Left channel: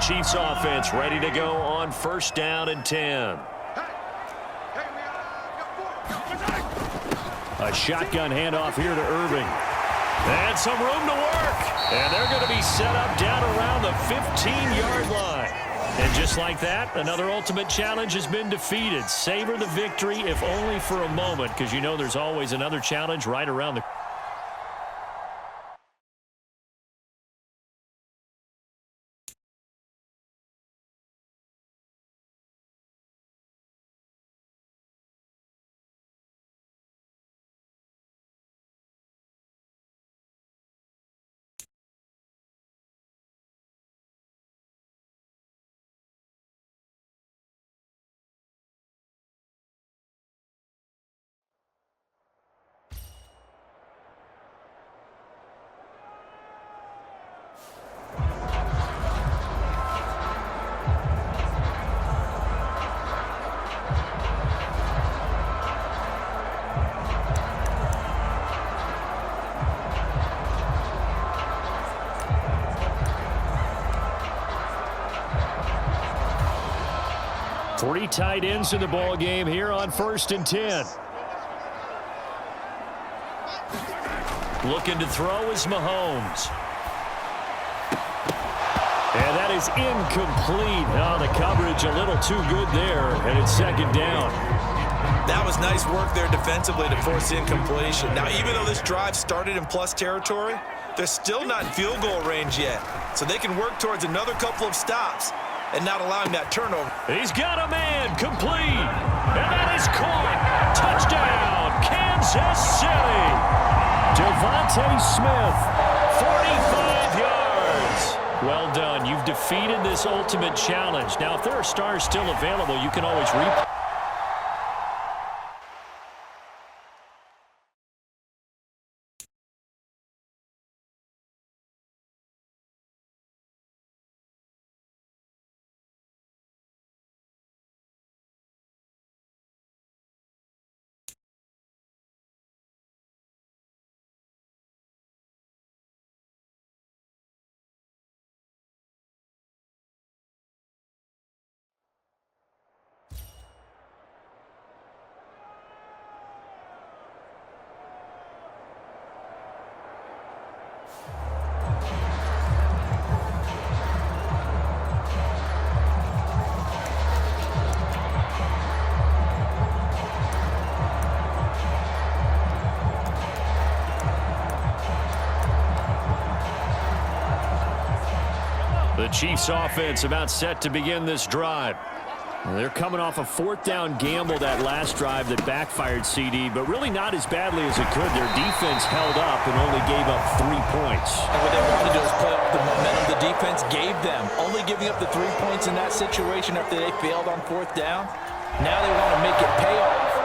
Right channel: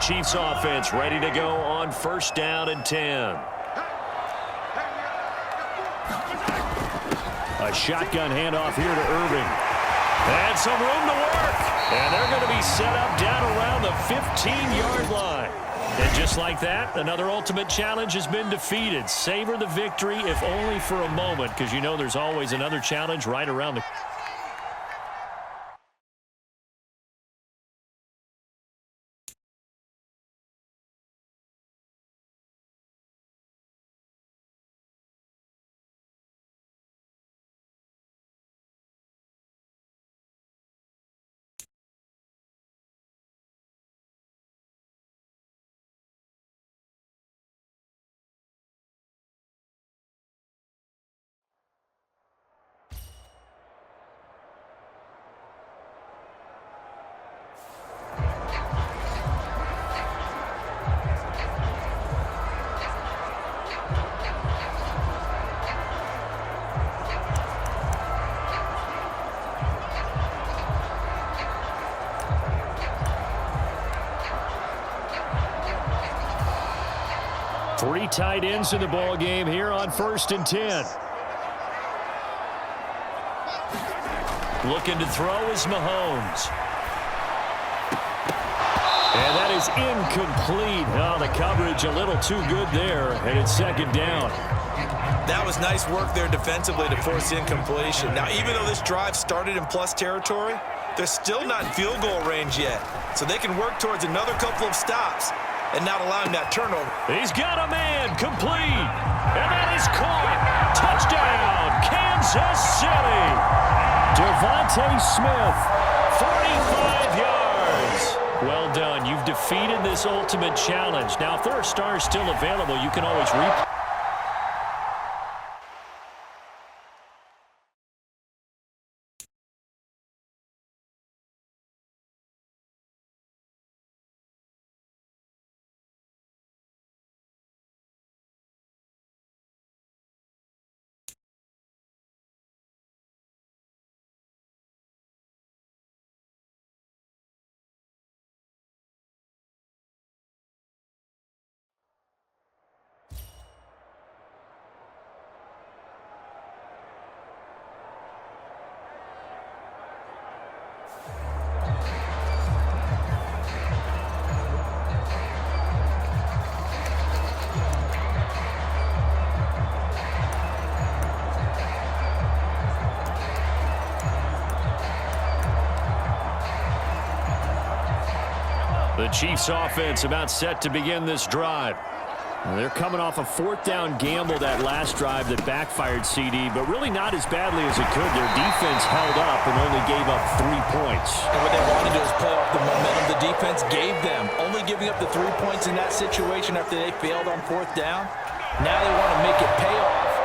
Chiefs offense ready to go on 1st down and 10. A shotgun handoff here to Irving. And some room to work. And they're going to be set up down around the 15-yard line. And just like that, another ultimate challenge has been defeated. Savor the victory, if only for a moment, because you know there's always another challenge right around the... Three tight ends in the ball game here on 1st and 10. Looking to throw is Mahomes. And that is incomplete. Oh, the coverage a little too good there, and it's 2nd down. That was nice work there defensively to force incompletion. Now, even though this drive started in plus territory, they're still not in field goal range yet. So they can work towards another couple of stops and not allowing that turnover. He's got a man, complete. And that is caught. Touchdown, Kansas City. Devontae Smith, 45 yards. Well done. You've defeated this ultimate challenge. Now, if there are stars still available, you can always replay. The Chiefs offense about set to begin this drive. They're coming off a 4th down gamble that last drive that backfired, CD, but really not as badly as it could. Their defense held up and only gave up 3 points. And what they wanted to do is play off the momentum the defense gave them. Only giving up the 3 points in that situation after they failed on 4th down. Now they want to make it pay off.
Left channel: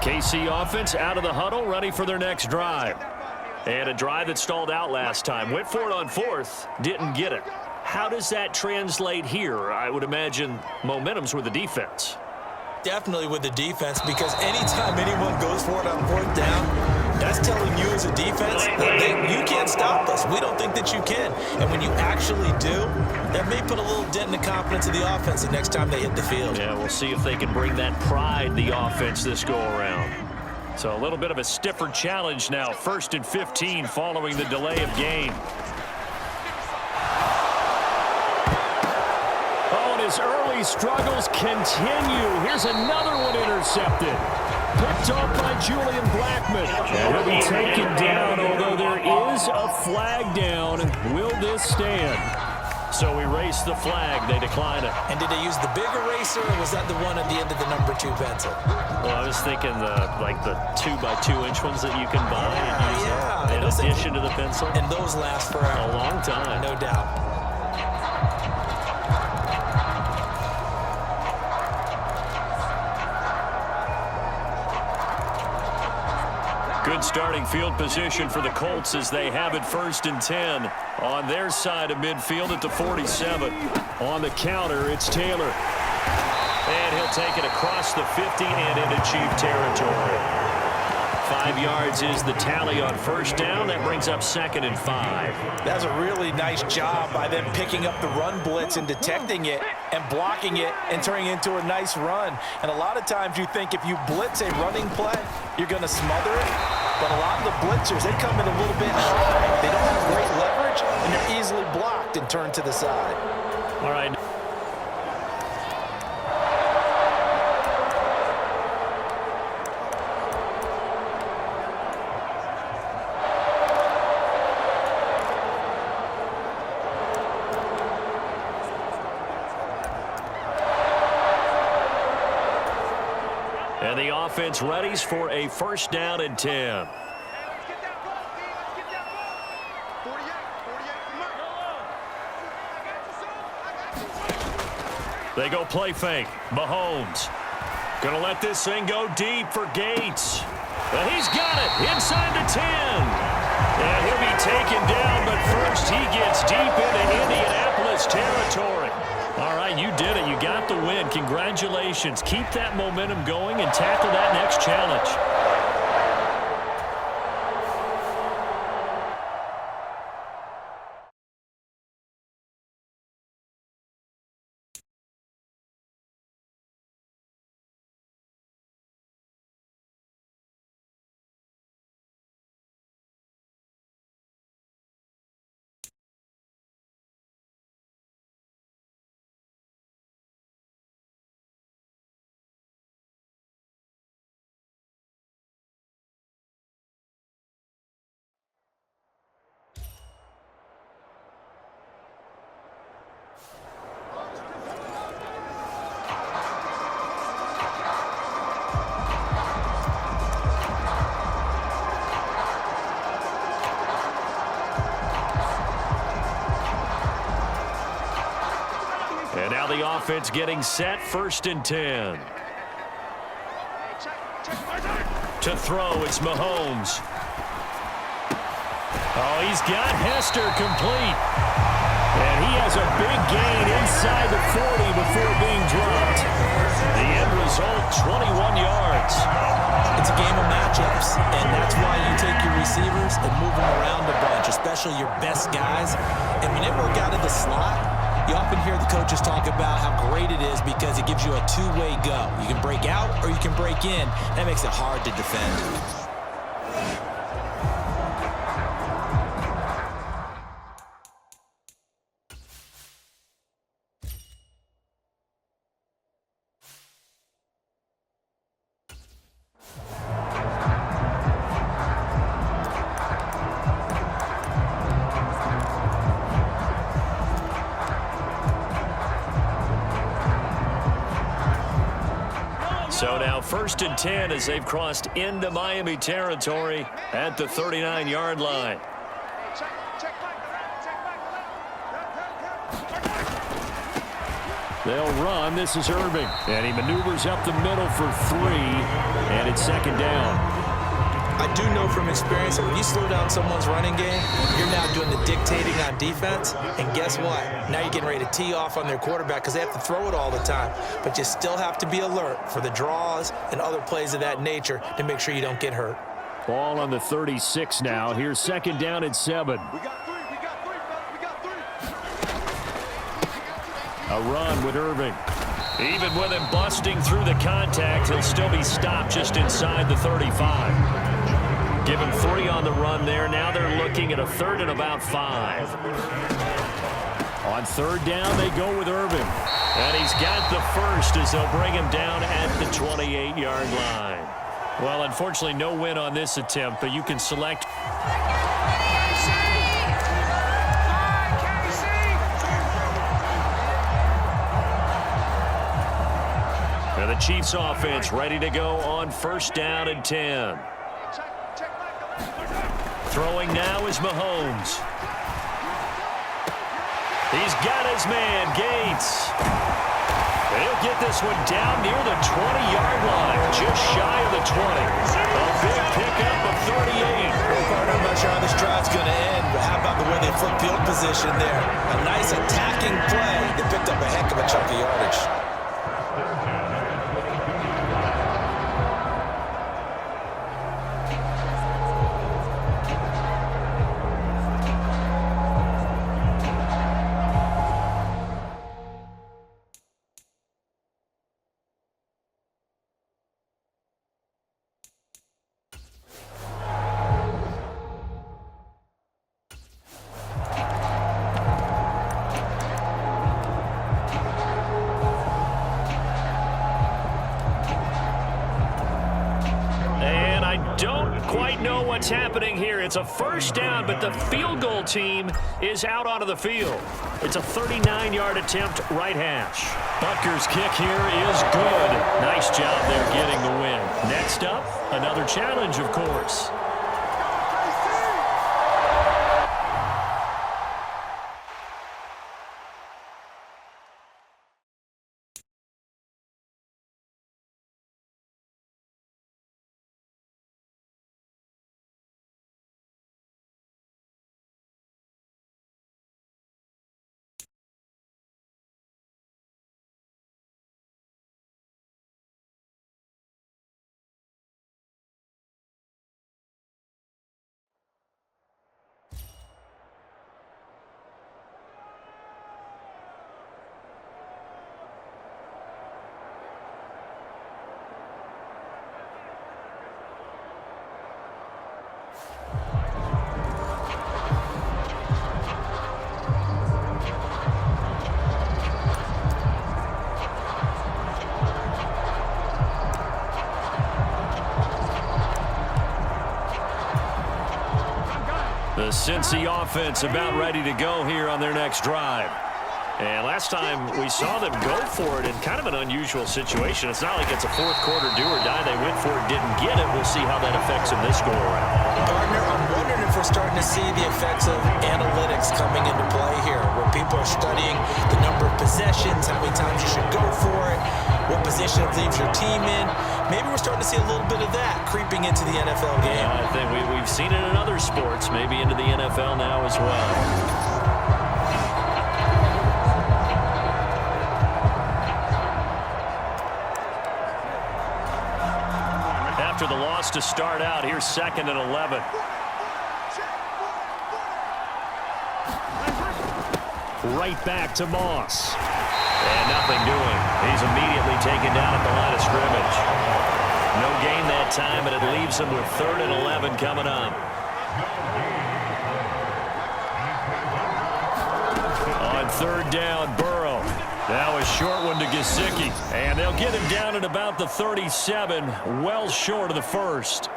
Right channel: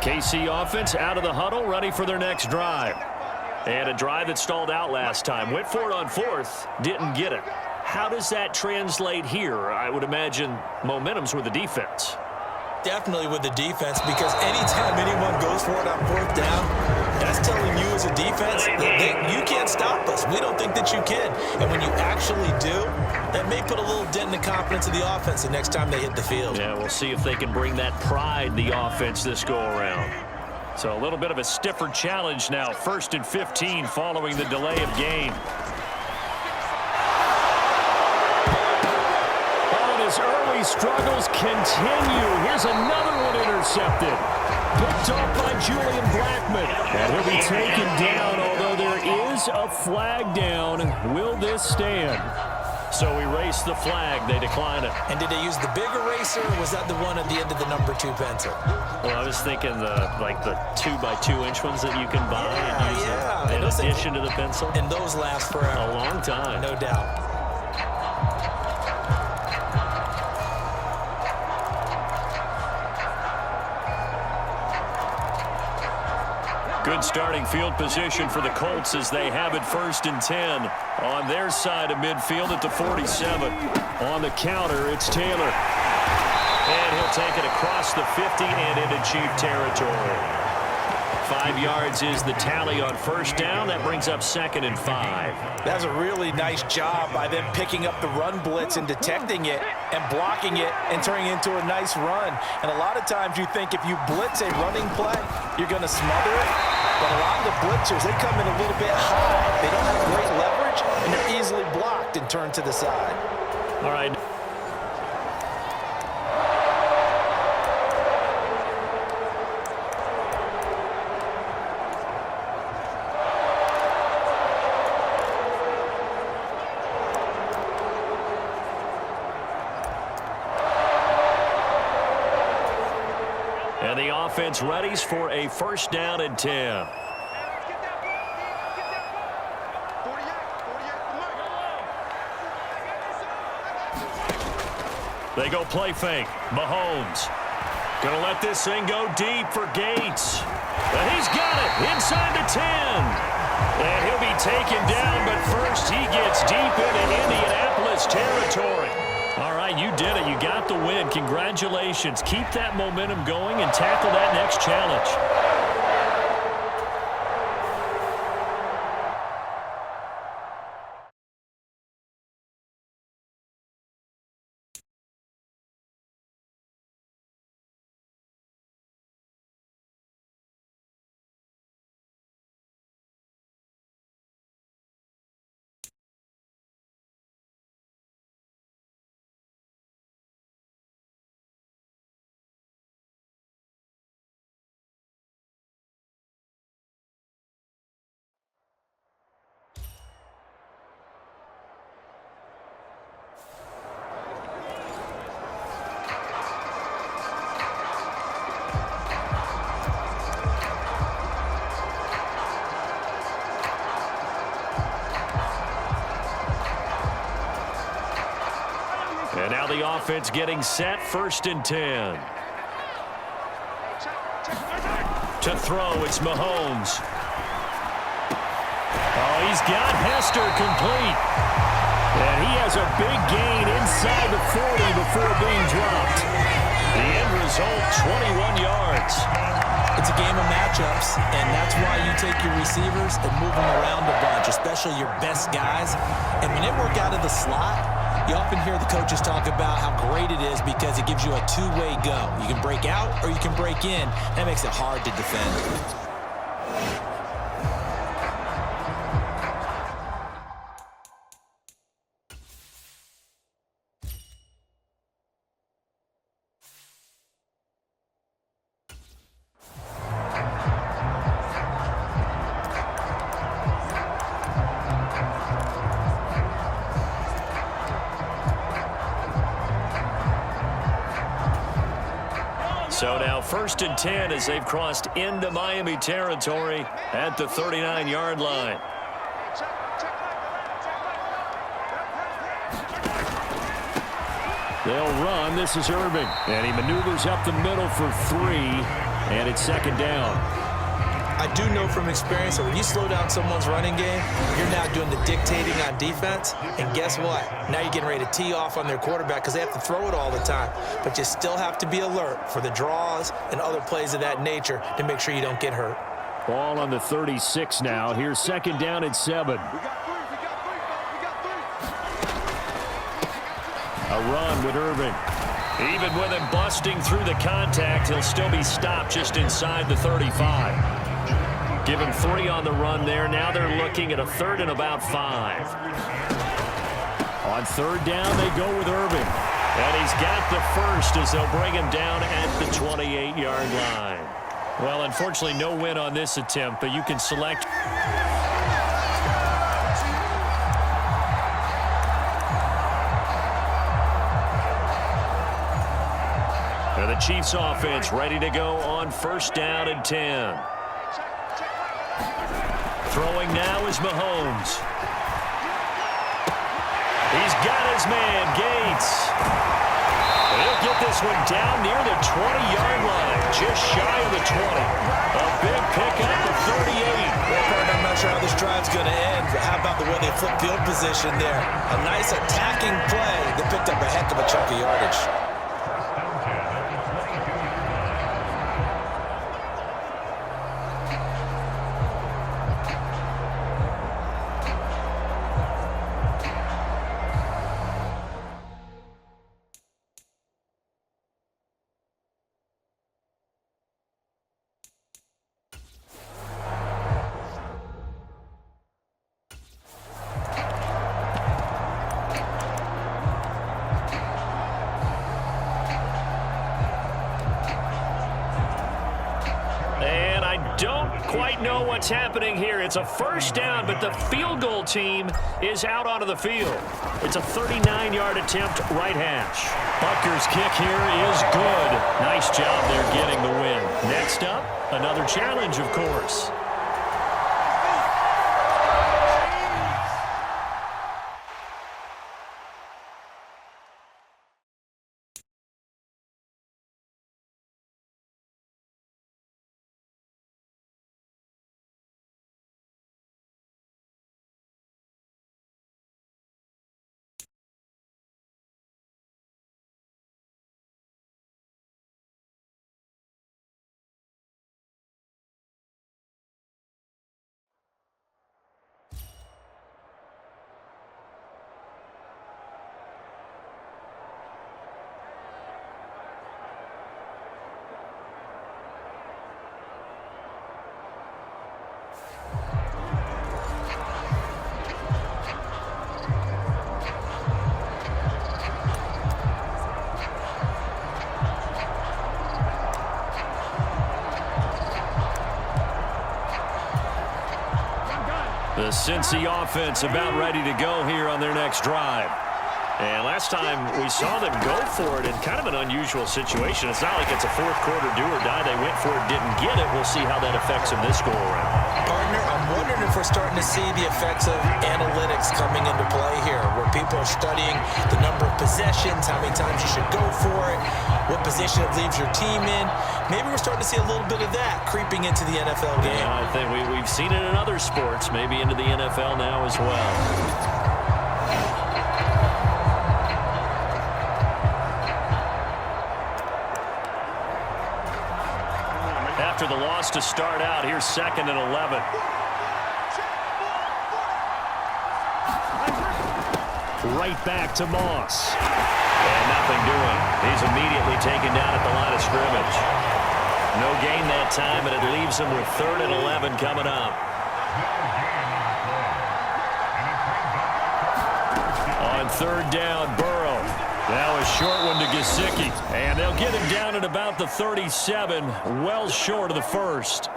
KC offense out of the huddle, ready for their next drive. And a drive that stalled out last time. Went for it on 4th, didn't get it. How does that translate here? I would imagine momentum's with the defense. Definitely with the defense, because anytime anyone goes for it on 4th down, That's telling you as a defense that you can't stop us. We don't think that you can. And when you actually do, that may put a little dent in the confidence of the offense the next time they hit the field. Yeah, we'll see if they can bring that pride in the offense this go-around. So a little bit of a stiffer challenge now. 1st and 15 following the delay of game. Oh, and his early struggles continue. Here's another one intercepted. Picked off by Julian Blackmon. And he'll be taken down, although there is a flag down. Will this stand? So erase the flag. They decline it. And did they use the big eraser, or was that the one at the end of the number 2 pencil? Well, I was thinking the 2x2-inch ones that you can buy and use in addition to the pencil. And those last forever. A long time. No doubt. Good starting field position for the Colts as they have it 1st and 10 on their side of midfield at the 47. On the counter, it's Taylor. And he'll take it across the 50 and into Chief territory. 5 yards is the tally on 1st down. That brings up 2nd and 5. That's a really nice job by them picking up the run blitz and detecting it and blocking it and turning it into a nice run. And a lot of times you think if you blitz a running play, you're going to smother it. But a lot of the blitzers, they come in a little bit high. They don't have great leverage, and they're easily blocked and turned to the side. All right. And the offense readies for a 1st down and 10. They go play fake. Mahomes gonna let this thing go deep for Gates. And he's got it inside the 10. And he'll be taken down, but first he gets deep into Indianapolis territory. All right, you did it. You got the win. Congratulations. Keep that momentum going and tackle that next challenge. And now the offense getting set, 1st and 10. To throw, it's Mahomes. Oh, he's got Hester complete. And he has a big gain inside the 40 before being dropped. The end result, 21 yards. It's a game of matchups, and that's why you take your receivers and move them around a bunch, especially your best guys. And when they work out of the slot, you often hear the coaches talk about how great it is because it gives you a two-way go. You can break out or you can break in. That makes it hard to defend. So now 1st and 10 as they've crossed into Miami territory at the 39-yard line. They'll run. This is Irving. And he maneuvers up the middle for 3. And it's 2nd down. I do know from experience that when you slow down someone's running game, you're now doing the dictating on defense. And guess what? Now you're getting ready to tee off on their quarterback because they have to throw it all the time. But you still have to be alert for the draws and other plays of that nature to make sure you don't get hurt. Ball on the 36 now. Here's second down and 7. A run with Irving. Even with him busting through the contact, he'll still be stopped just inside the 35. Give him 3 on the run there. Now they're looking at a third and about 5. On third down, they go with Irving. And he's got the first as they'll bring him down at the 28-yard line. Well, unfortunately, no win on this attempt, but you can select. Now the Chiefs offense ready to go on first down and 10. Throwing now is Mahomes. He's got his man, Gates. He'll get this one down near the 20-yard line, just shy of the 20. A big pickup of 38. Well, partner, I'm not sure how this drive's going to end, but how about the way they flip field position there? A nice attacking play. They picked up a heck of a chunk of yardage. Don't quite know what's happening here. It's a first down, but the field goal team is out onto the field. It's a 39-yard attempt, right hash. Butker's kick here is good. Nice job there getting the win. Next up, another challenge, of course. The Cincy offense about ready to go here on their next drive. And last time we saw them go for it in kind of an unusual situation. It's not like it's a fourth quarter do or die. They went for it, didn't get it. We'll see how that affects them this go around. Partner, I'm wondering if we're starting to see the effects of analytics coming into play here, where people are studying the number of possessions, how many times you should go for it, what position it leaves your team in. Maybe we're starting to see a little bit of that creeping into the NFL game. Yeah, I think we've seen it in other sports, maybe into the NFL now as well. After the loss to start out, here's second and 11. Right back to Moss. And nothing doing. He's immediately taken down at the line of scrimmage. No gain that time, and it leaves him with third and 11 coming up. On third down, Burrow. Now a short one to Gesicki. And they'll get him down at about the 37, well short of the first.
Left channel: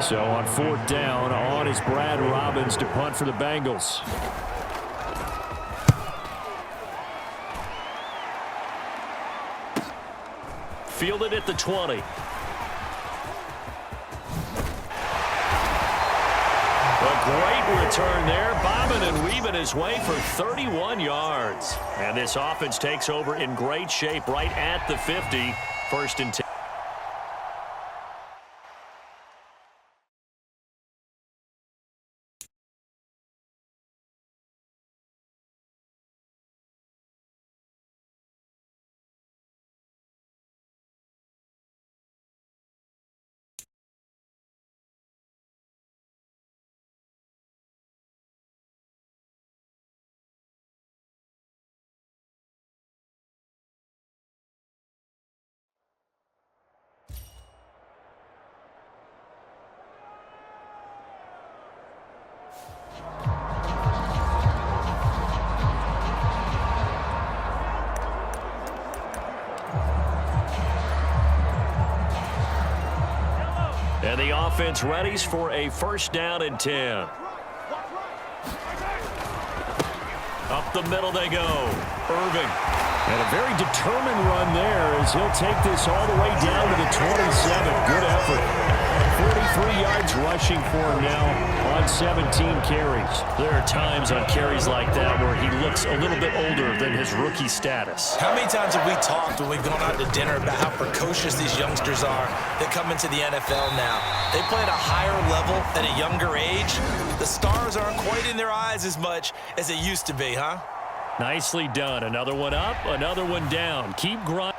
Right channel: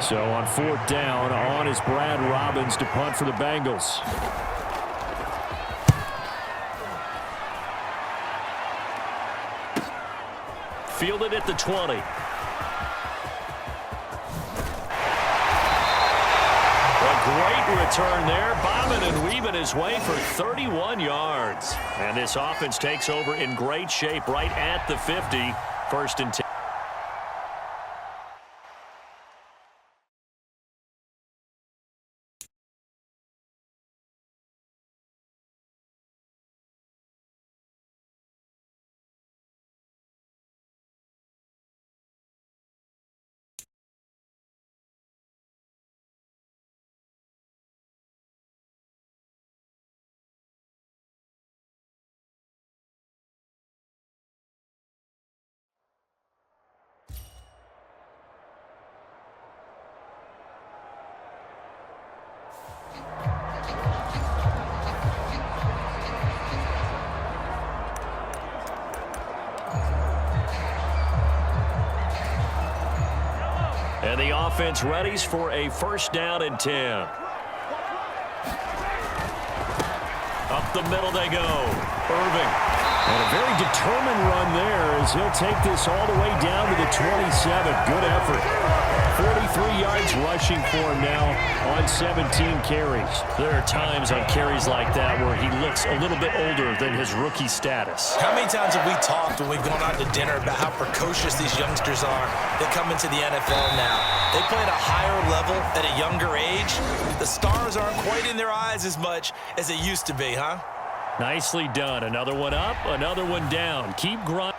So on fourth down, on is Brad Robbins to punt for the Bengals. Fielded at the 20. A great return there, bobbing and weaving his way for 31 yards. And this offense takes over in great shape right at the 50. First and 10. And the offense readies for a first down and 10. Up the middle they go. Irving. And a very determined run there as he'll take this all the way down to the 27. Good effort. 43 yards rushing for him now on 17 carries. There are times on carries like that where he looks a little bit older than his rookie status. How many times have we talked when we've gone out to dinner about how precocious these youngsters are that come into the NFL now? They play at a higher level at a younger age. The stars aren't quite in their eyes as much as it used to be, huh? Nicely done. Another one up, another one down. Keep grinding.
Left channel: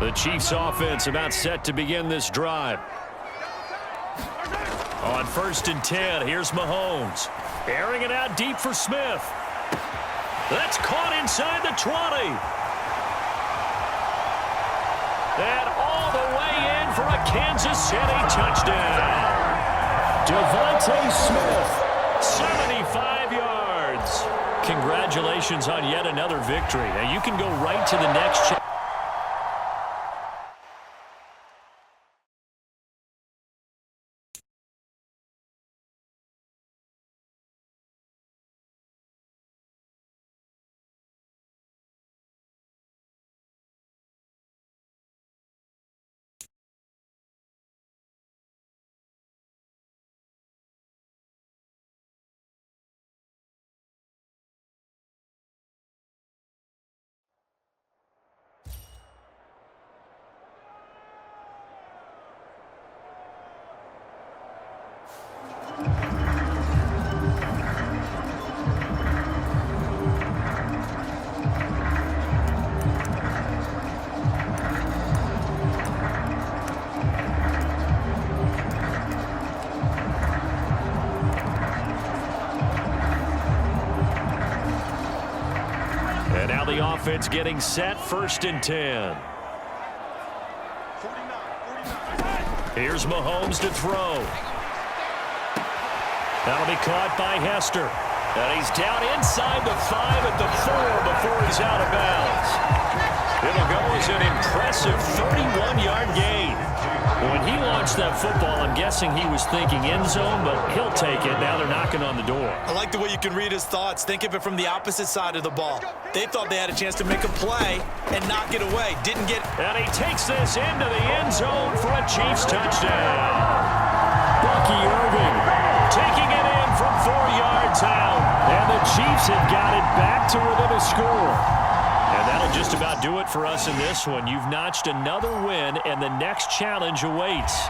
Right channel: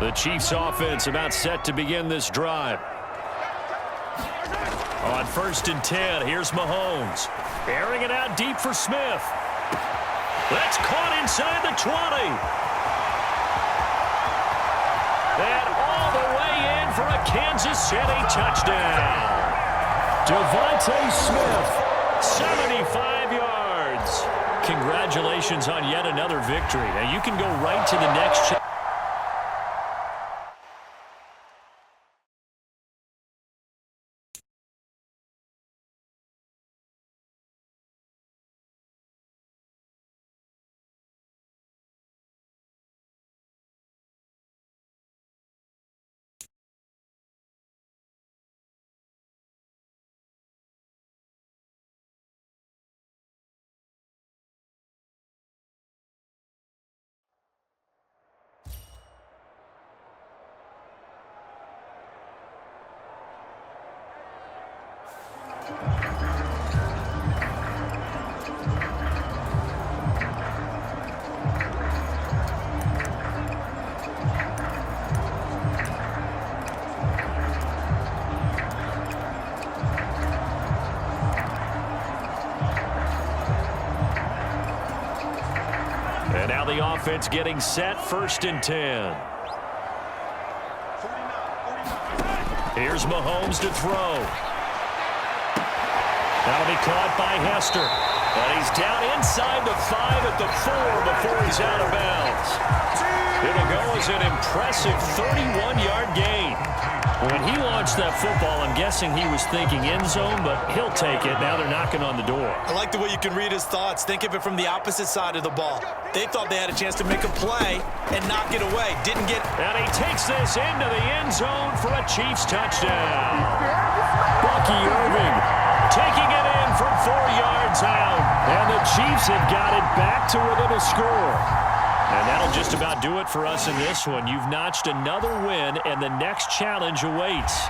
The Chiefs offense about set to begin this drive. On 1st and 10, here's Mahomes. Airing it out deep for Smith. That's caught inside the 20. And all the way in for a Kansas City touchdown. Devontae Smith, 75 yards. Congratulations on yet another victory. Now you can go right to the next chapter. And now the offense getting set, 1st and 10. Here's Mahomes to throw. That'll be caught by Hester. And he's down inside the 5 at the 4 before he's out of bounds. It'll go as an impressive 31-yard gain. When he launched that football, I'm guessing he was thinking end zone, but he'll take it. Now they're knocking on the door. I like the way you can read his thoughts. Think of it from the opposite side of the ball. They thought they had a chance to make a play and knock it away. Didn't get it. And he takes this into the end zone for a Chiefs touchdown. Bucky Irving taking it in from 4 yards out. And the Chiefs have got it back to within a score. And that'll just about do it for us in this one. You've notched another win, and the next challenge awaits.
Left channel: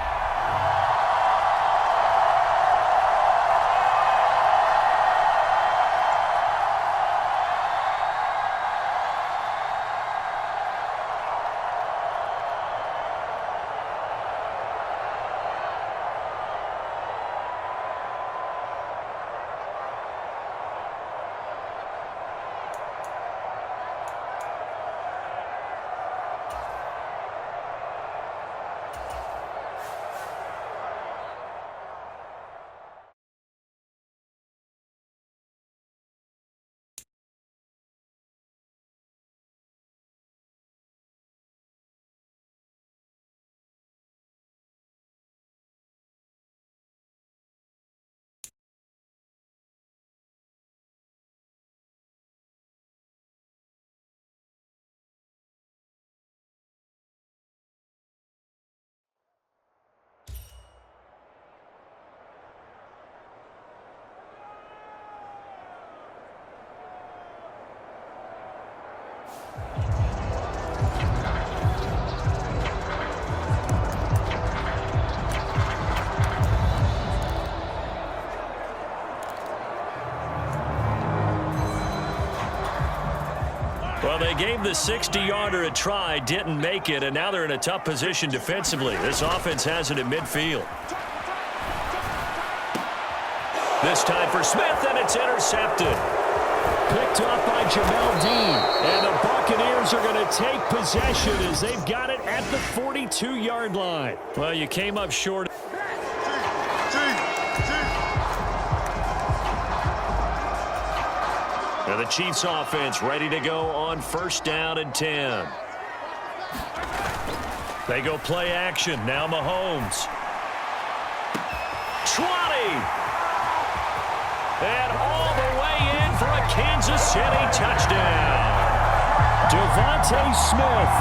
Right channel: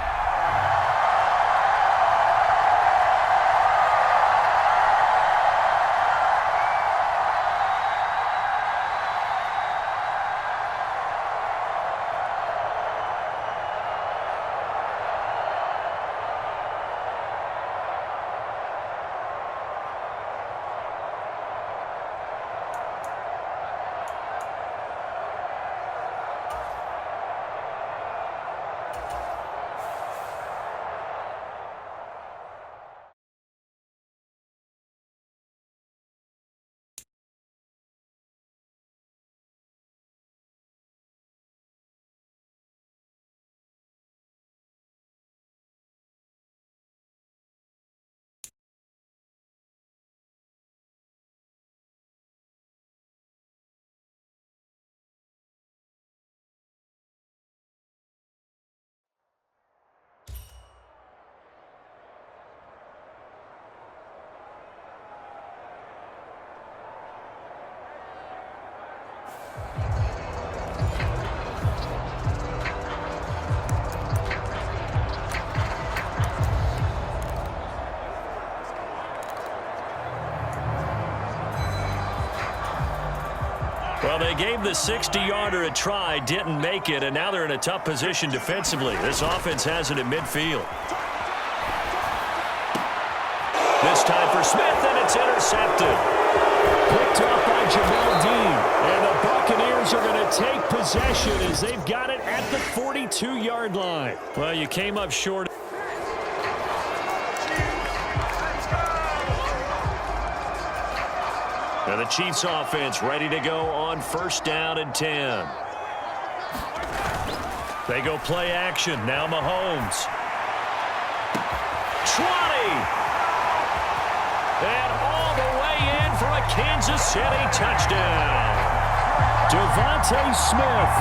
Well, they gave the 60-yarder a try, didn't make it, and now they're in a tough position defensively. This offense has it at midfield. This time for Smith, and it's intercepted. Picked up by Jamel Dean. And the Buccaneers are going to take possession as they've got it at the 42-yard line. Well, you came up short. Now the Chiefs offense ready to go on 1st down and 10. They go play action. Now Mahomes. 20. And all the way in for a Kansas City touchdown. Devontae Smith,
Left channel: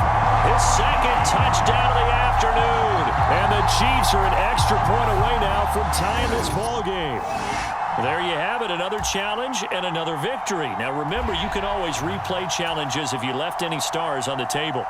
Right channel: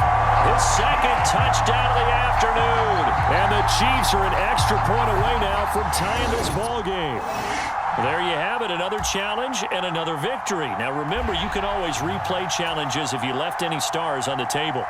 his 2nd touchdown of the afternoon. And the Chiefs are an extra point away now from tying this ball game. There you have it, another challenge and another victory. Now remember, you can always replay challenges if you left any stars on the table.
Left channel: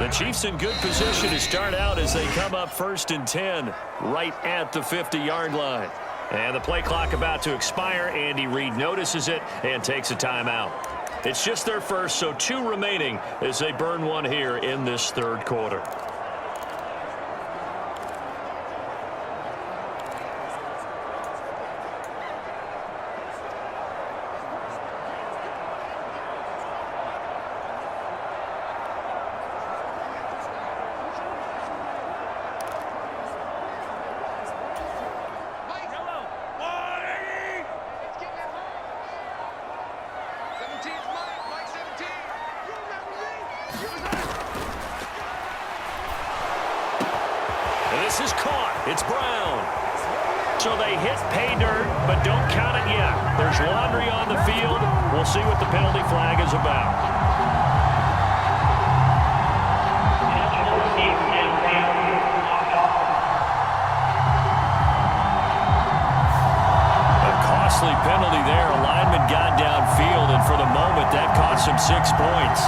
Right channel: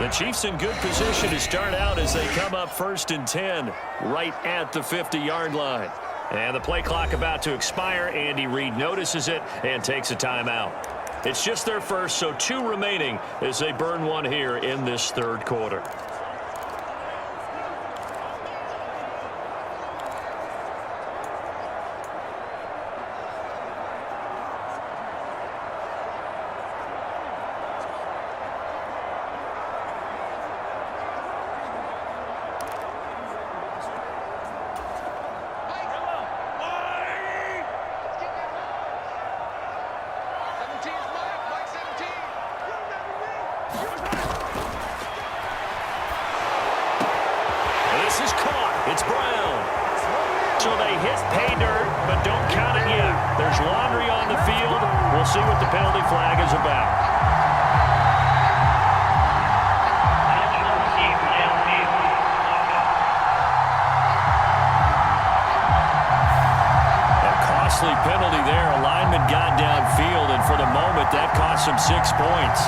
The Chiefs in good position to start out as they come up 1st and 10 right at the 50-yard line. And the play clock about to expire. Andy Reid notices it and takes a timeout. It's just their first, so 2 remaining as they burn one here in this 3rd quarter. This is caught. It's Brown. So they hit pay dirt, but don't count it yet. There's laundry on the field. We'll see what the penalty flag is about. A costly penalty there. A lineman got downfield, and for the moment, that cost him 6 points.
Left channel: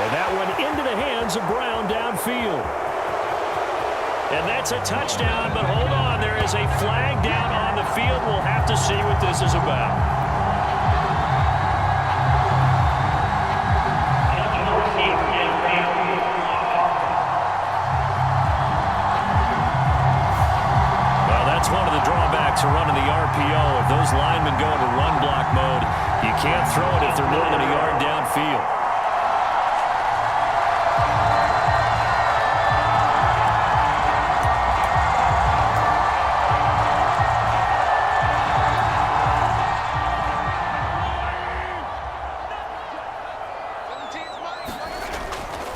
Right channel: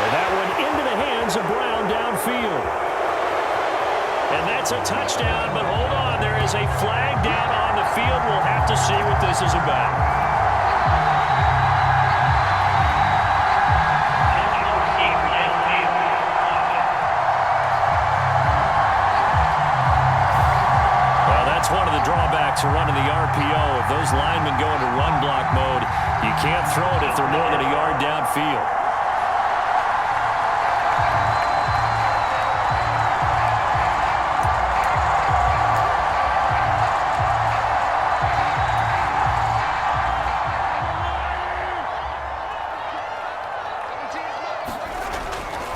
And that one into the hands of Brown downfield. And that's a touchdown, but hold on. There is a flag down on the field. We'll have to see what this is about. Well, that's one of the drawbacks of running the RPO. If those linemen go into run block mode, you can't throw it if they're more than a yard downfield.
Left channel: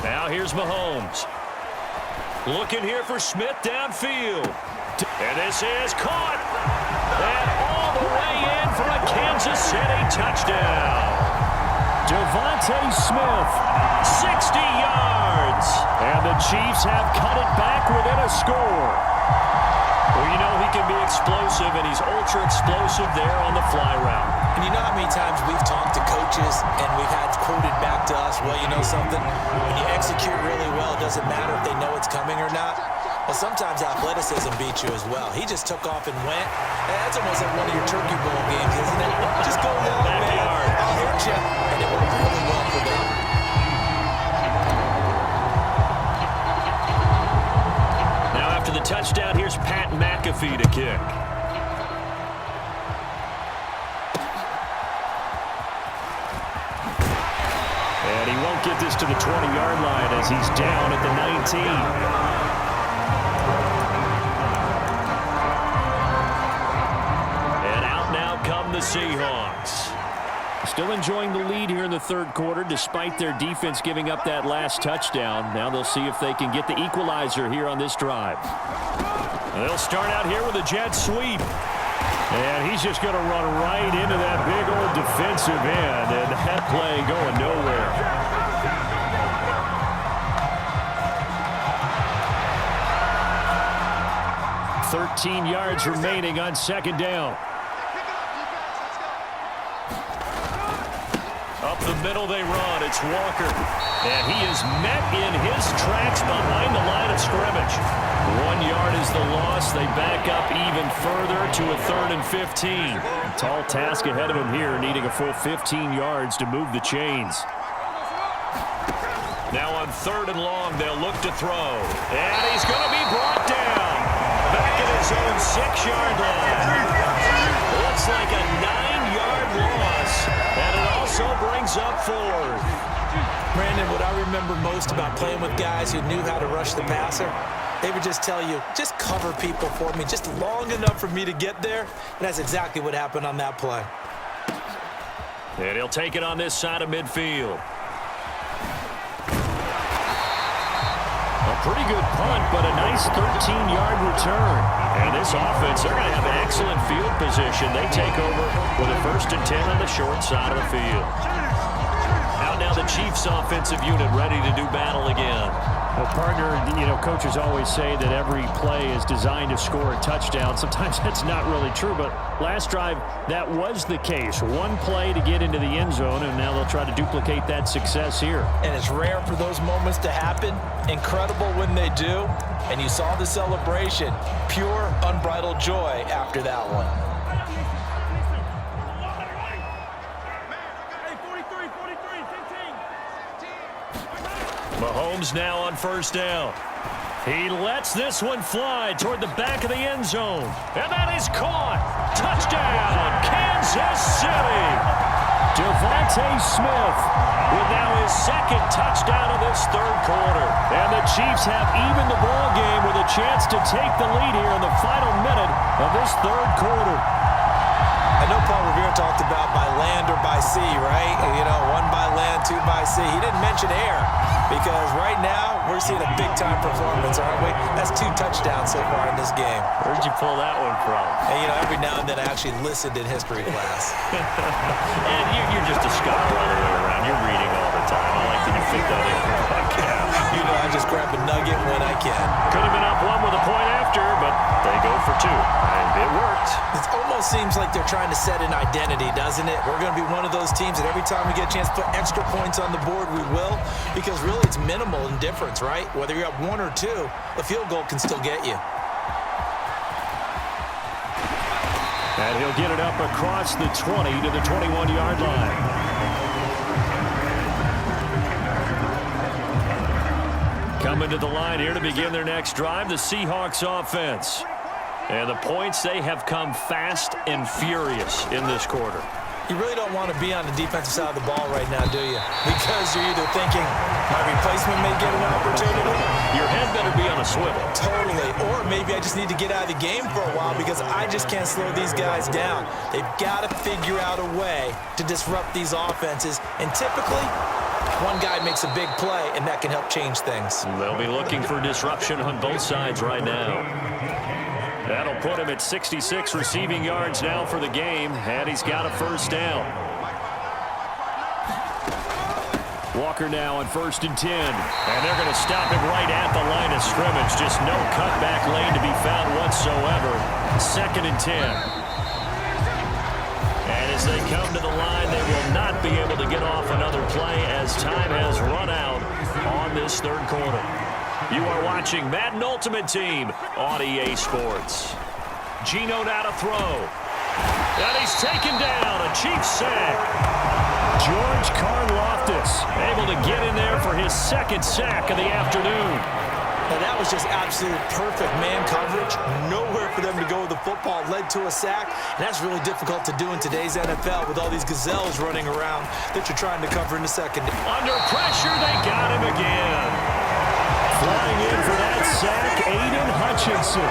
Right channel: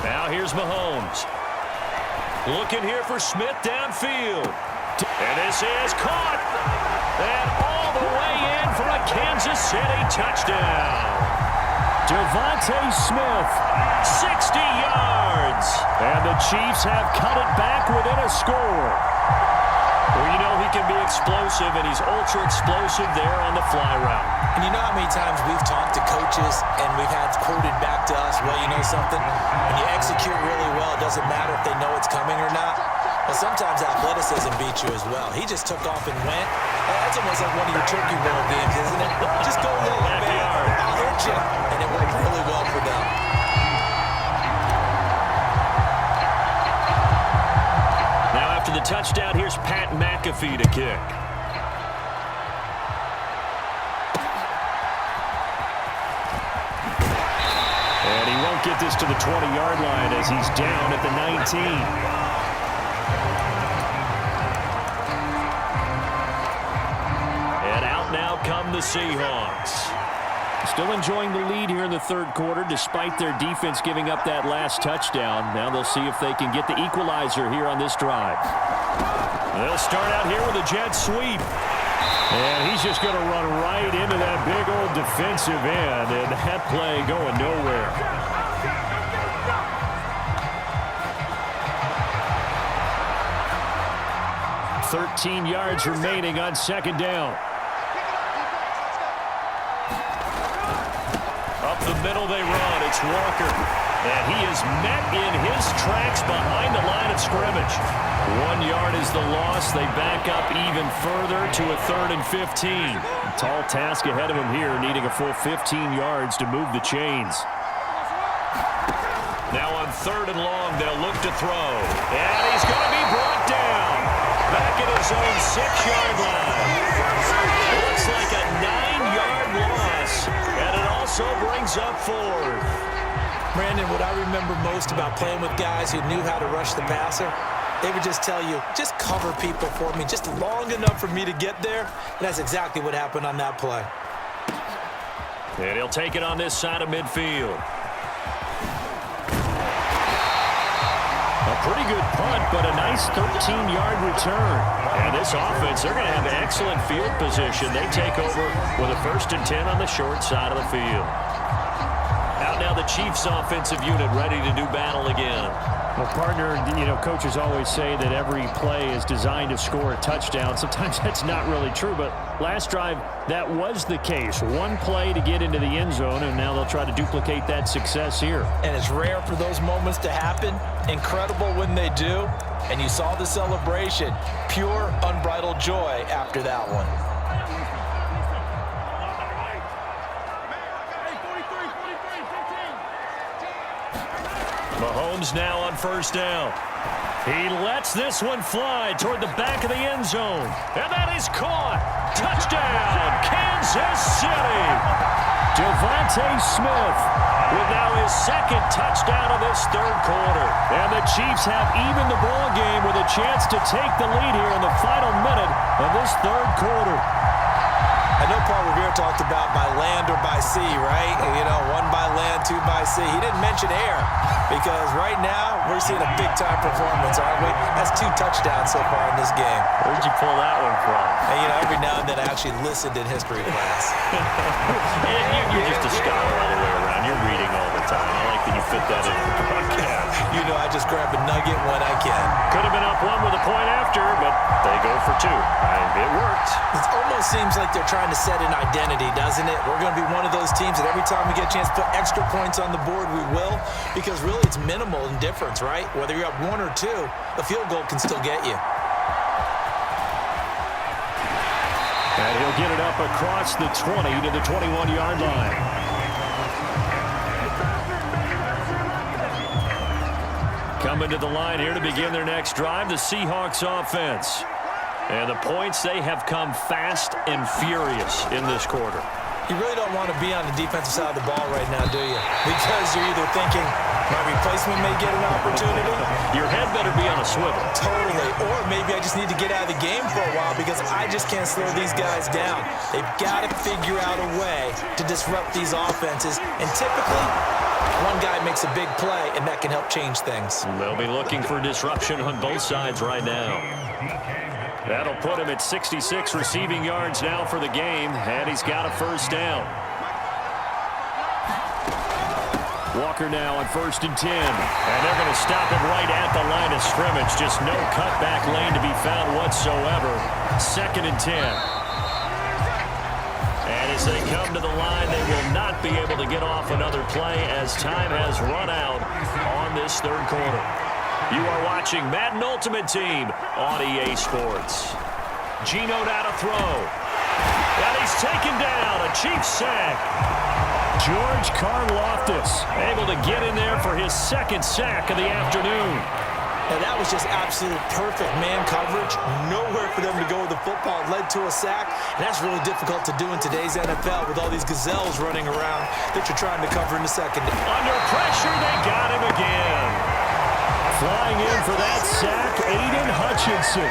Now here's Mahomes. Looking here for Smith downfield. And this is caught. And all the way in for a Kansas City touchdown. Devontae Smith, 60 yards. And the Chiefs have cut it back within a score. Well, you know he can be explosive, and he's ultra-explosive there on the fly route. And you know how many times we've talked to coaches and we've had quoted back to us, well, you know something? When you execute really well, it doesn't matter if they know it's coming or not. Well, sometimes athleticism beats you as well. He just took off and went. That's almost like one of your Turkey Bowl games, isn't it? Just go long, man. I'll hit you. And it worked really well for them. Now after the touchdown, here's Pat McAfee to kick. And he won't get this to the 20-yard line as he's down at the 19. And out now come the Seahawks. Still enjoying the lead here in the third quarter despite their defense giving up that last touchdown. Now they'll see if they can get the equalizer here on this drive. They'll start out here with a jet sweep. And he's just going to run right into that big old defensive end. And that play going nowhere. "13 yards remaining on second down. Up the middle they run. It's Walker. And he is met in his tracks behind the line of scrimmage. 1 yard is the loss. They back up even further to a 3rd and 15. A tall task ahead of him here, needing a full 15 yards to move the chains. Now on 3rd and long, they'll look to throw. And he's going to be brought down. Back at his own 6-yard line. Looks like a 9-yard loss. And it also brings up 4th. Brandon, what I remember most about playing with guys who knew how to rush the passer, they would just tell you, just cover people for me, just long enough for me to get there. And that's exactly what happened on that play. And he'll take it on this side of midfield. A pretty good punt, but a nice 13-yard return. And this offense, they're going to have excellent field position. They take over with a 1st and 10 on the short side of the field. Out now the Chiefs offensive unit ready to do battle again. Well, partner, you know, coaches always say that every play is designed to score a touchdown. Sometimes that's not really true, but last drive, that was the case. One play to get into the end zone, and now they'll try to duplicate that success here. And it's rare for those moments to happen. Incredible when they do. And you saw the celebration. Pure, unbridled joy after that one. Mahomes now on 1st down. He lets this one fly toward the back of the end zone. And that is caught. Touchdown, Kansas City. Devontae Smith with now his 2nd touchdown of this 3rd quarter. And the Chiefs have evened the ball game with a chance to take the lead here in the final minute of this 3rd quarter. I know Paul Revere talked about by land or by sea, right? You know, 1 by land, 2 by sea. He didn't mention air because right now we're seeing a big-time performance, aren't we? That's 2 touchdowns so far in this game. Where'd you pull that one from? And, you know, every now and then I actually listened in history class. And you're just a scholar all the way around. You're reading all the time. I like that you fit that in the broadcast. You know, I just grab a nugget when I can. Could have been up 1 with a point after, but they go for 2. It worked. It almost seems like they're trying to set an identity, doesn't it? We're going to be one of those teams that every time we get a chance to put extra points on the board, we will. Because really it's minimal in difference, right? Whether you're up 1 or 2, a field goal can still get you. And he'll get it up across the 20 to the 21-yard line. Coming to the line here to begin their next drive, the Seahawks offense. And the points, they have come fast and furious in this quarter. You really don't want to be on the defensive side of the ball right now, do you? Because you're either thinking, my replacement may get an opportunity. Your head better be on a swivel. Totally. Or maybe I just need to get out of the game for a while because I just can't slow these guys down. They've got to figure out a way to disrupt these offenses. And typically, One guy makes a big play, and that can help change things. They'll be looking for disruption on both sides right now. That'll put him at 66 receiving yards now for the game, and he's got a first down. Walker now on 1st and 10. And they're going to stop him right at the line of scrimmage. Just no cutback lane to be found whatsoever. 2nd and 10. And as they come to the line, they will not be able to get off another play as time has run out on this 3rd quarter. You are watching Madden Ultimate Team on EA Sports. Geno now to throw. And he's taken down. A Chiefs sack. George Karlaftis able to get in there for his 2nd sack of the afternoon. Now that was just absolute perfect man coverage. Nowhere for them to go with the football. Led to a sack, and that's really difficult to do in today's NFL with all these gazelles running around that you're trying to cover in the second. Under pressure, they got him again. Flying in for that sack, Aiden Hutchinson.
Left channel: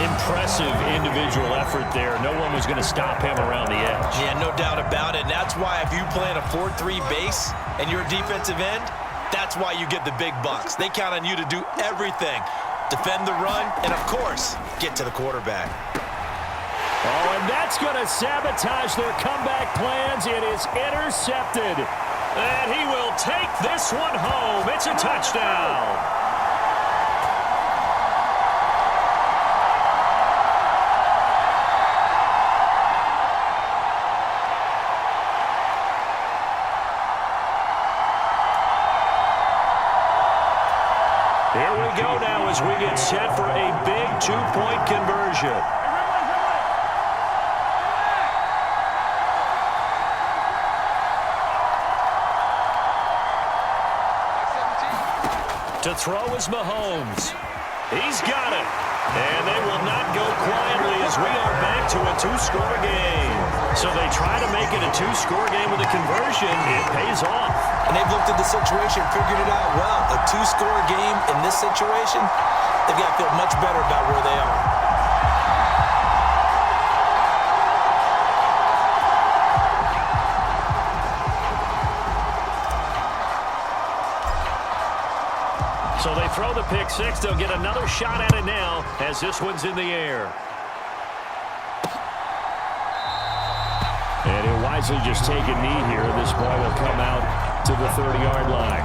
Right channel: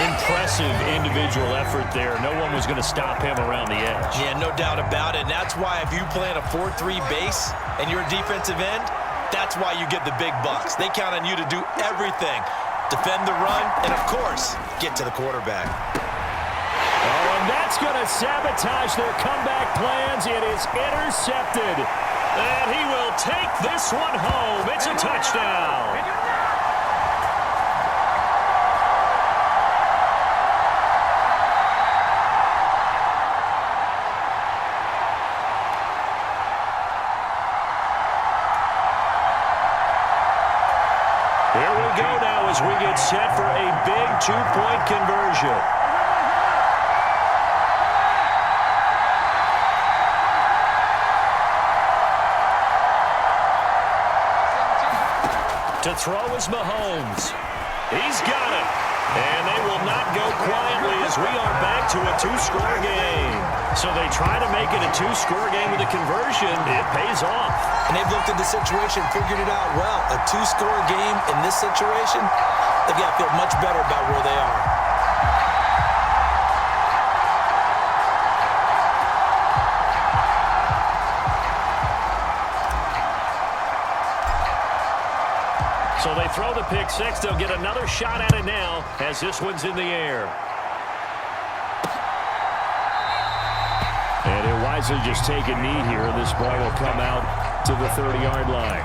Impressive individual effort there. No one was going to stop him around the edge. Yeah, no doubt about it. And that's why if you play in a 4-3 base and you're a defensive end, that's why you get the big bucks. They count on you to do everything. Defend the run and, of course, get to the quarterback. Oh, and that's going to sabotage their comeback plans. It is intercepted. And he will take this one home. It's a touchdown. Here we go now as we get set for a big 2-point conversion. To throw is Mahomes. He's got it. And they will not go quietly as we are back to a 2-score game. So they try to make it a 2-score game with a conversion. It pays off. And they've looked at the situation, figured it out well. A 2-score game in this situation, they've got to feel much better about where they are. So they throw the pick six. They'll get another shot at it now as this one's in the air. And he'll wisely just take a knee here. This ball will come out to the 30-yard line.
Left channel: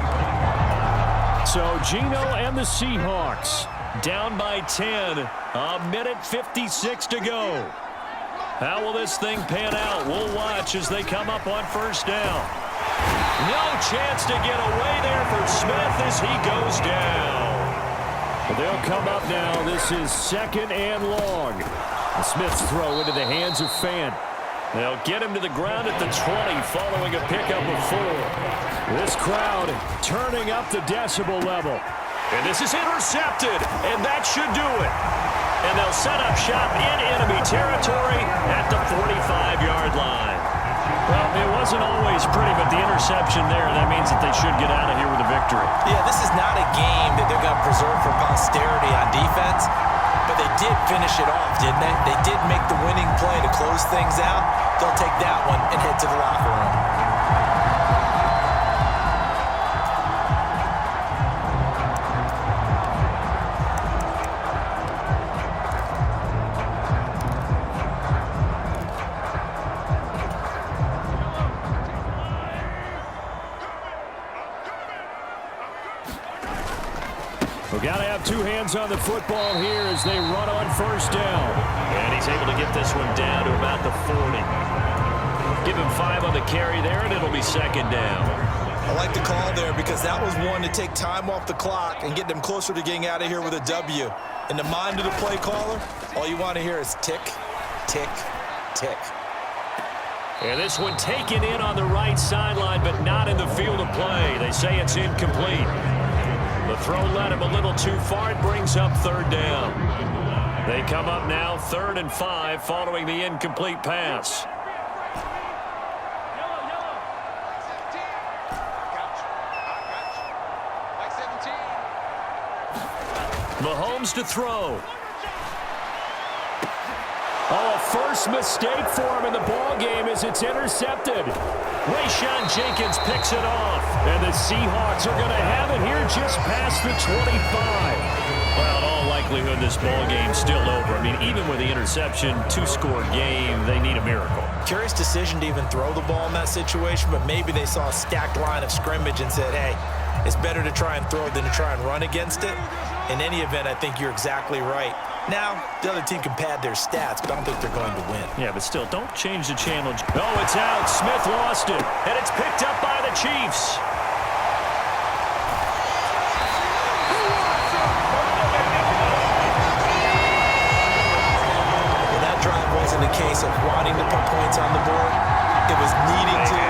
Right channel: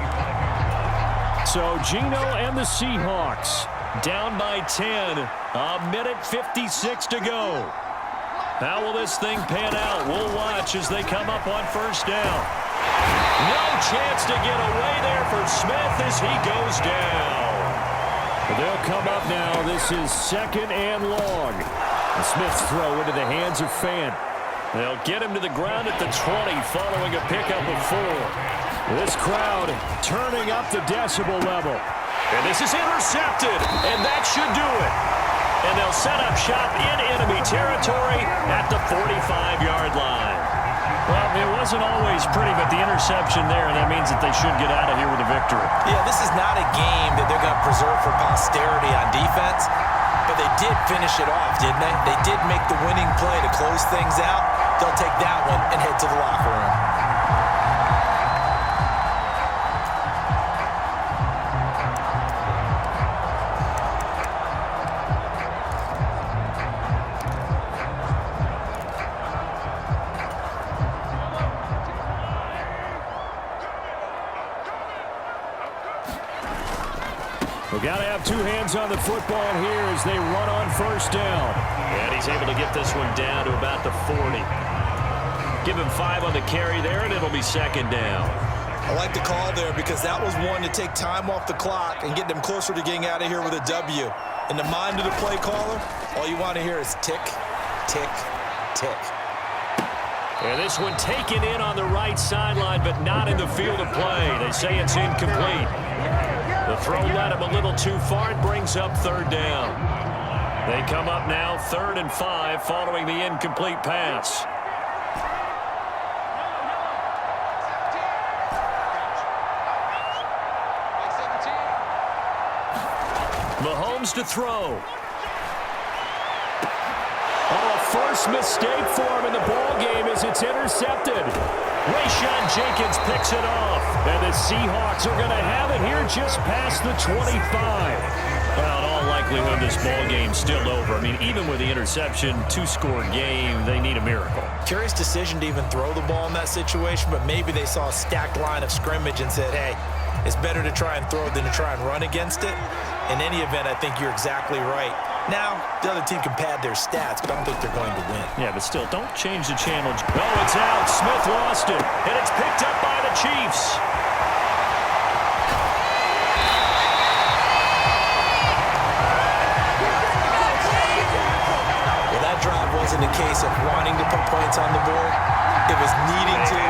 So Geno and the Seahawks down by 10. A minute 56 to go. How will this thing pan out? We'll watch as they come up on 1st down. No chance to get away there for Smith as he goes down. They'll come up now. This is 2nd and long. And Smith's throw into the hands of Fant. They'll get him to the ground at the 20 following a pickup of 4. This crowd turning up the decibel level. And this is intercepted, and that should do it. And they'll set up shop in enemy territory at the 45-yard line. Well, it wasn't always pretty, but the interception there, that means that they should get out of here with a victory. Yeah, this is not a game that they're going to preserve for posterity on defense, but they did finish it off, didn't they? They did make the winning play to close things out. They'll take that one and head to the locker room. We've got to have two hands on the football here as they run on 1st down. And he's able to get this one down to about the 40. Give him 5 on the carry there, and it'll be 2nd down. I like the call there because that was one to take time off the clock and get them closer to getting out of here with a W. In the mind of the play caller, all you want to hear is tick, tick, tick. And this one taken in on the right sideline, but not in the field of play. They say it's incomplete. The throw led him a little too far. It brings up 3rd down. They come up now 3rd and 5 following the incomplete pass. Mahomes to throw. Oh, a first mistake for him in the ball game as it's intercepted. Rayshon Jenkins picks it off. And the Seahawks are going to have it here just past the 25. Well, in all likelihood, this ball game's still over. I mean, even with the interception, two-score game, they need a miracle. Curious decision to even throw the ball in that situation, but maybe they saw a stacked line of scrimmage and said, hey, it's better to try and throw than to try and run against it. In any event, I think you're exactly right. Now, the other team can pad their stats, but I don't think they're going to win. Yeah, but still, don't change the channel. Oh, it's out. Smith lost it, and it's picked up by the Chiefs. Well, that drive wasn't a case of wanting to put points on the board. It was needing to,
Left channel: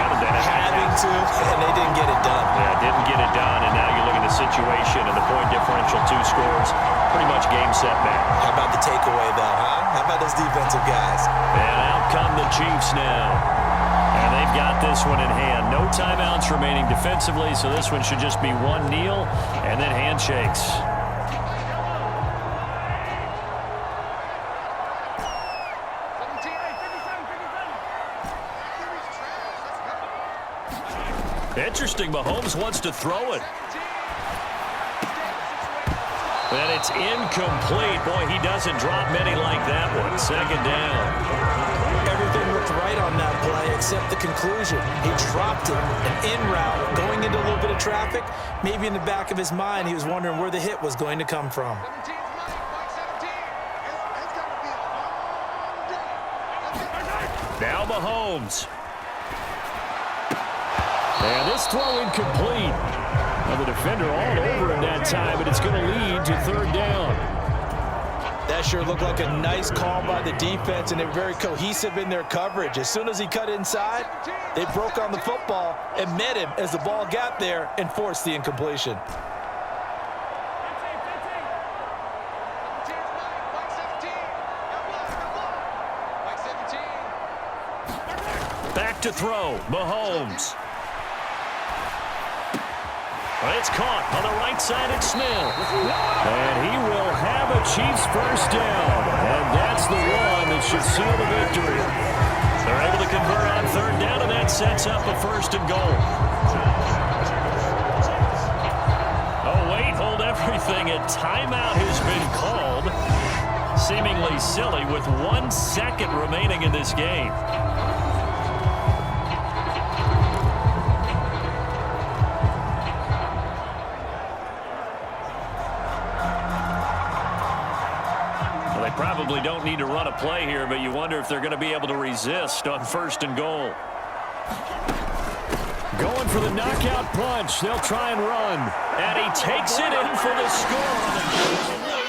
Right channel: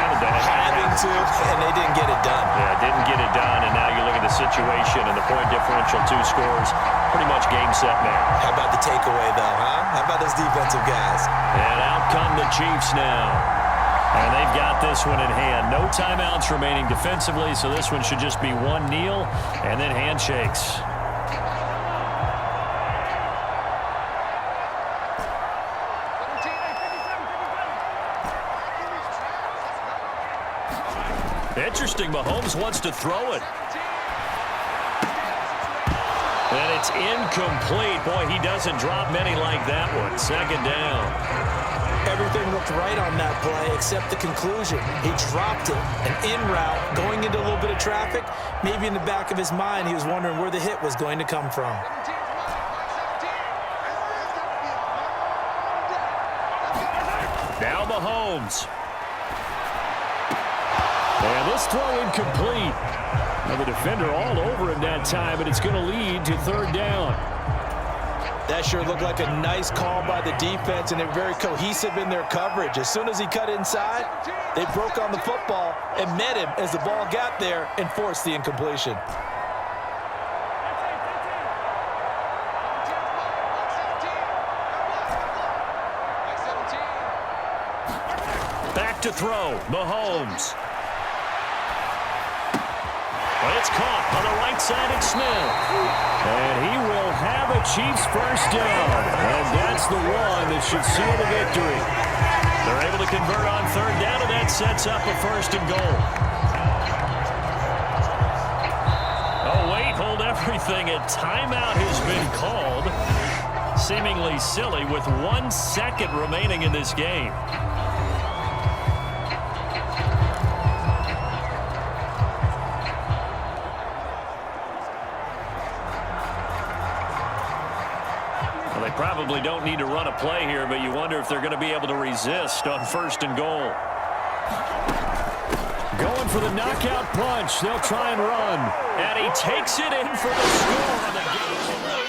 having to, and they didn't get it done. Yeah, didn't get it done, and now you look at the situation and the point differential, 2 scores, pretty much game, set, match. How about the takeaway, though, huh? How about those defensive guys? And out come the Chiefs now. And they've got this one in hand. No timeouts remaining defensively, so this one should just be one kneel and then handshakes. Interesting, Mahomes wants to throw it. And it's incomplete. Boy, he doesn't drop many like that one. Second down. Everything looked right on that play except the conclusion. He dropped it, an in route, going into a little bit of traffic. Maybe in the back of his mind, he was wondering where the hit was going to come from. Now Mahomes. And this throw incomplete. Now the defender all over him that time, but it's going to lead to third down. That sure looked like a nice call by the defense, and they're very cohesive in their coverage. As soon as he cut inside, they broke on the football and met him as the ball got there and forced the incompletion. Back to throw, Mahomes. Well, it's caught on the right side at Smith. And he will have a Chiefs first down. And that's the one that should seal the victory. They're able to convert on third down, and that sets up a first and goal. Oh, wait, hold everything. A timeout has been called. Seemingly silly with 1 second remaining in this game. They probably don't need to run a play here, but you wonder if they're going to be able to resist on first and goal. Going for the knockout punch. They'll try and run. And he takes it in for the score on the